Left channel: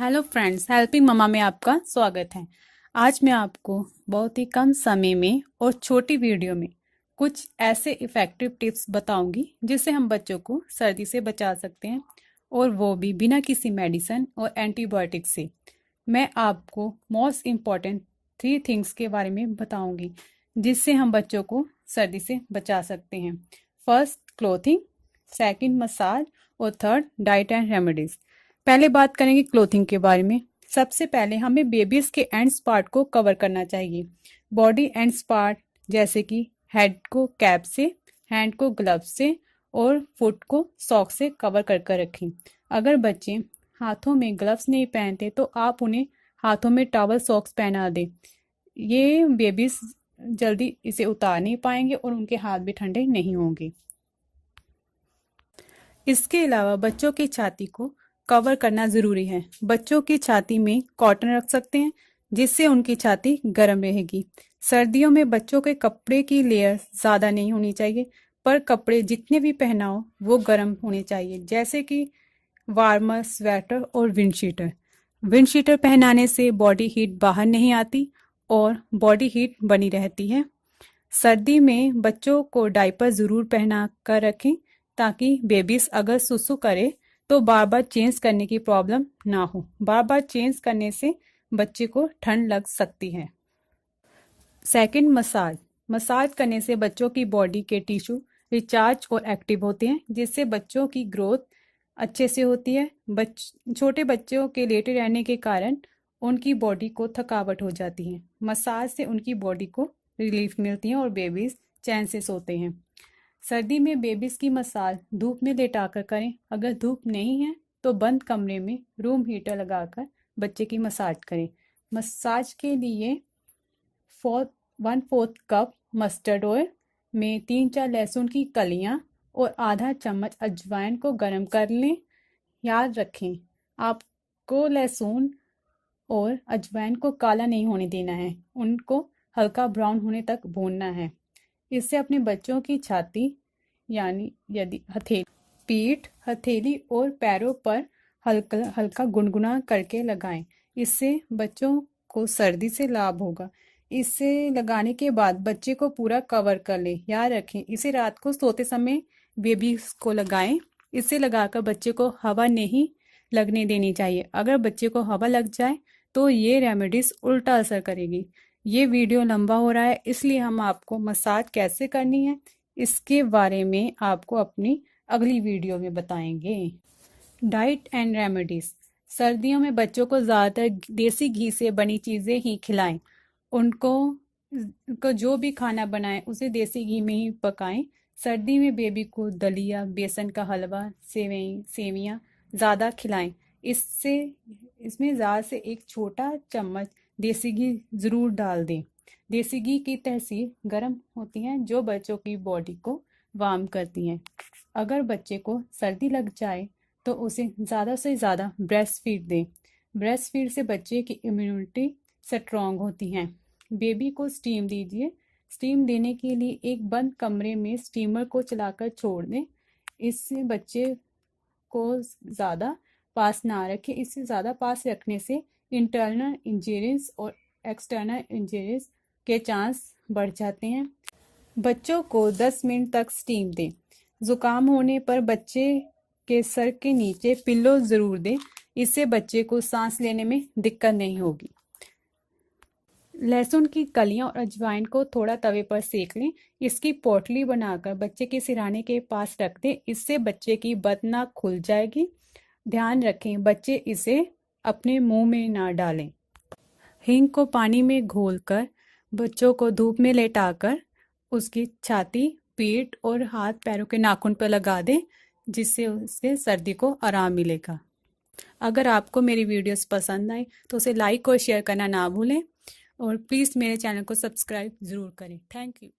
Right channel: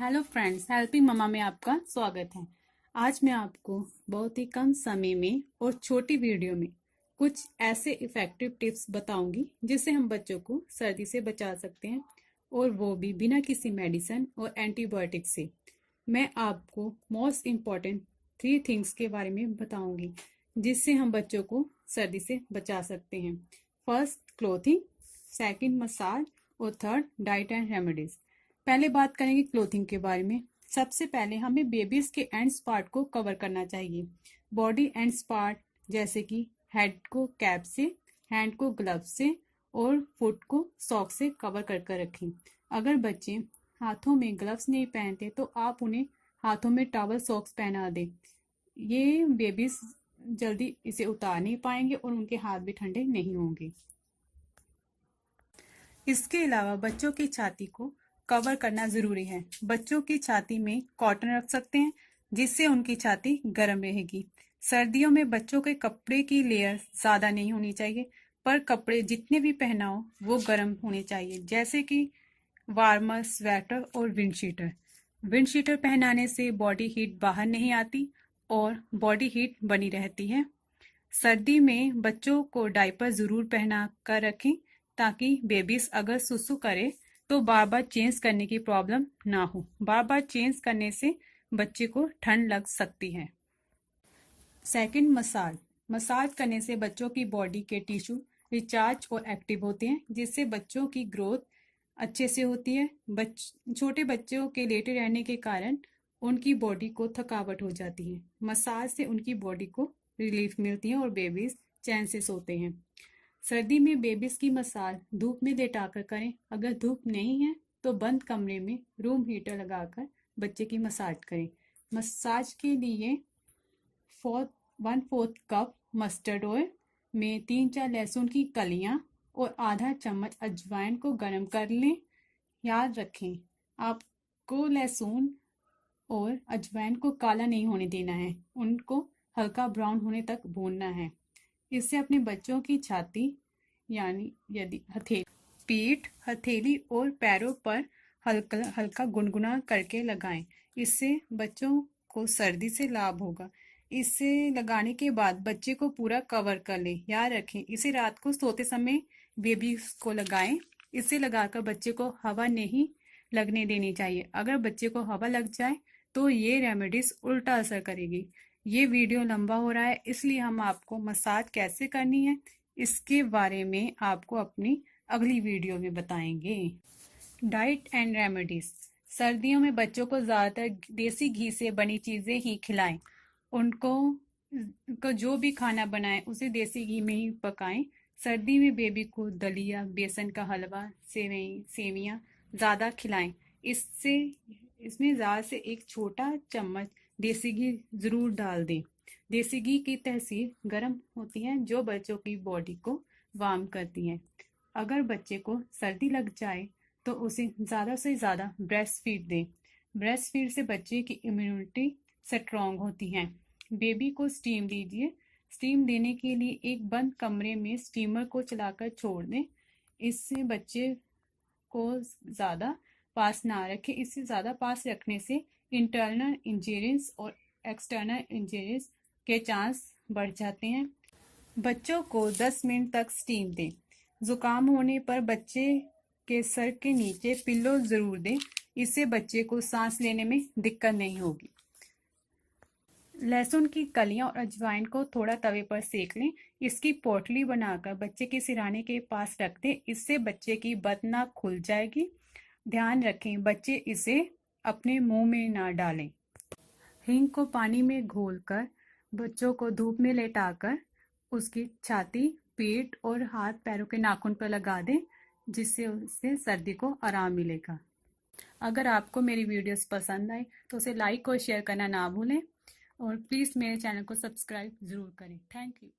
Hello friends, helping mama में आपका स्वागत है। आज मैं आपको बहुत ही कम समय में और छोटी वीडियो में कुछ ऐसे इफ़ेक्टिव टिप्स बताऊंगी जिससे हम बच्चों को सर्दी से बचा सकते हैं, और वो भी बिना किसी मेडिसिन और एंटीबायोटिक से। मैं आपको मोस्ट इम्पॉर्टेंट 3 थिंग्स के बारे में बताऊंगी जिससे हम बच्चों को सर्दी से बचा सकते हैं। फर्स्ट, क्लोथिंग, सेकंड, मसाज, और थर्ड, डाइट एंड रेमेडीज। पहले बात करेंगे क्लोथिंग के बारे में। सबसे पहले हमें बेबीज के एंड्स पार्ट को कवर करना चाहिए। बॉडी एंड्स पार्ट जैसे कि हेड को कैप से, हैंड को ग्लव से और फुट को सॉक्स से कवर कर रखें। अगर बच्चे हाथों में ग्लव्स नहीं पहनते तो आप उन्हें हाथों में टॉवल सॉक्स पहना दें। ये बेबीज जल्दी इसे उतार नहीं पाएंगे और उनके हाथ भी ठंडे नहीं होंगे। इसके अलावा बच्चों की छाती को कवर करना ज़रूरी है। बच्चों की छाती में कॉटन रख सकते हैं जिससे उनकी छाती गर्म रहेगी। सर्दियों में बच्चों के कपड़े की लेयर ज़्यादा नहीं होनी चाहिए, पर कपड़े जितने भी पहनाओ वो गर्म होने चाहिए, जैसे कि वार्मर, स्वेटर और विंड शीटर। विंड शीटर पहनाने से बॉडी हीट बाहर नहीं आती और बॉडी हीट बनी रहती है। सर्दी में बच्चों को डायपर ज़रूर पहना कर रखें ताकि बेबीज अगर सुसु करे तो बार बार चेंज करने की प्रॉब्लम ना हो। बार बार चेंज करने से बच्चे को ठंड लग सकती है। Second, massage. मसाज करने से बच्चों की बॉडी के टिश्यू रिचार्ज और एक्टिव होते हैं जिससे बच्चों की ग्रोथ अच्छे से होती है। छोटे बच्चों के लेटे रहने के कारण उनकी बॉडी को थकावट हो जाती है। मसाज से उनकी बॉडी को रिलीफ मिलती है और बेबीज चैन से सोते हैं। सर्दी में बेबीज की मसाज धूप में लेटाकर करें। अगर धूप नहीं है तो बंद कमरे में रूम हीटर लगाकर बच्चे की मसाज करें। मसाज के लिए 1/4 कप मस्टर्ड ऑयल में 3-4 लहसुन की कलियां और आधा चम्मच अजवाइन को गर्म कर लें। याद रखें, आपको लहसुन और अजवाइन को काला नहीं होने देना है, उनको हल्का ब्राउन होने तक भूनना है। इससे अपने बच्चों की छाती यानी यदि हथेली, पीठ, हथेली और पैरों पर हल्का हल्का गुनगुना करके लगाएं। इससे बच्चों को सर्दी से लाभ होगा। इसे लगाने के बाद बच्चे को पूरा कवर कर लें। याद रखें, इसे रात को सोते समय बेबी को लगाएं। इसे लगाकर बच्चे को हवा नहीं लगने देनी चाहिए। अगर बच्चे को हवा लग जाए तो ये रेमेडीज उल्टा असर करेगी। ये वीडियो लंबा हो रहा है, इसलिए हम आपको मसाज कैसे करनी है इसके बारे में आपको अपनी अगली वीडियो में बताएंगे। Diet and remedies. सर्दियों में बच्चों को ज़्यादातर देसी घी से बनी चीज़ें ही खिलाएं। उनको जो भी खाना बनाएं उसे देसी घी में ही पकाएं। सर्दी में बेबी को दलिया, बेसन का हलवा, सेवियां ज़्यादा खिलाएं। इसमें ज़्यादा से एक छोटा चम्मच देसी घी ज़रूर डाल दें। देसी घी की तहसीर गर्म होती है जो बच्चों की बॉडी को वार्म करती हैं। अगर बच्चे को सर्दी लग जाए तो उसे ज़्यादा से ज़्यादा ब्रेस्ट फीड दें। ब्रेस्ट फीड से बच्चे की इम्यूनिटी स्ट्रॉन्ग होती है। बेबी को स्टीम दीजिए। स्टीम देने के लिए एक बंद कमरे में स्टीमर को चलाकर छोड़ दें। इससे बच्चे को ज़्यादा पास ना रखें। इससे ज़्यादा पास रखने से इंटरनल इंजरीज और एक्सटर्नल इंजरीज के चांस बढ़ जाते हैं। बच्चों को 10 मिनट तक स्टीम दें। ज़ुकाम होने पर बच्चे के सर के नीचे पिल्लो ज़रूर दें। इससे बच्चे को सांस लेने में दिक्कत नहीं होगी। लहसुन की कलियां और अजवाइन को थोड़ा तवे पर सेक लें। इसकी पोटली बनाकर बच्चे के सिरहाने के पास रख दें। इससे बच्चे की बदनाक खुल जाएगी। ध्यान रखें, बच्चे इसे अपने मुंह में ना डालें। हींग को पानी में घोलकर बच्चों को धूप में लेटाकर उसकी छाती, पीठ और हाथ पैरों के नाखून पर लगा दें, जिससे उसे सर्दी को आराम मिलेगा। अगर आपको मेरी वीडियोस पसंद आए तो उसे लाइक और शेयर करना ना भूलें, और प्लीज़ मेरे चैनल को सब्सक्राइब ज़रूर करें। Thank you.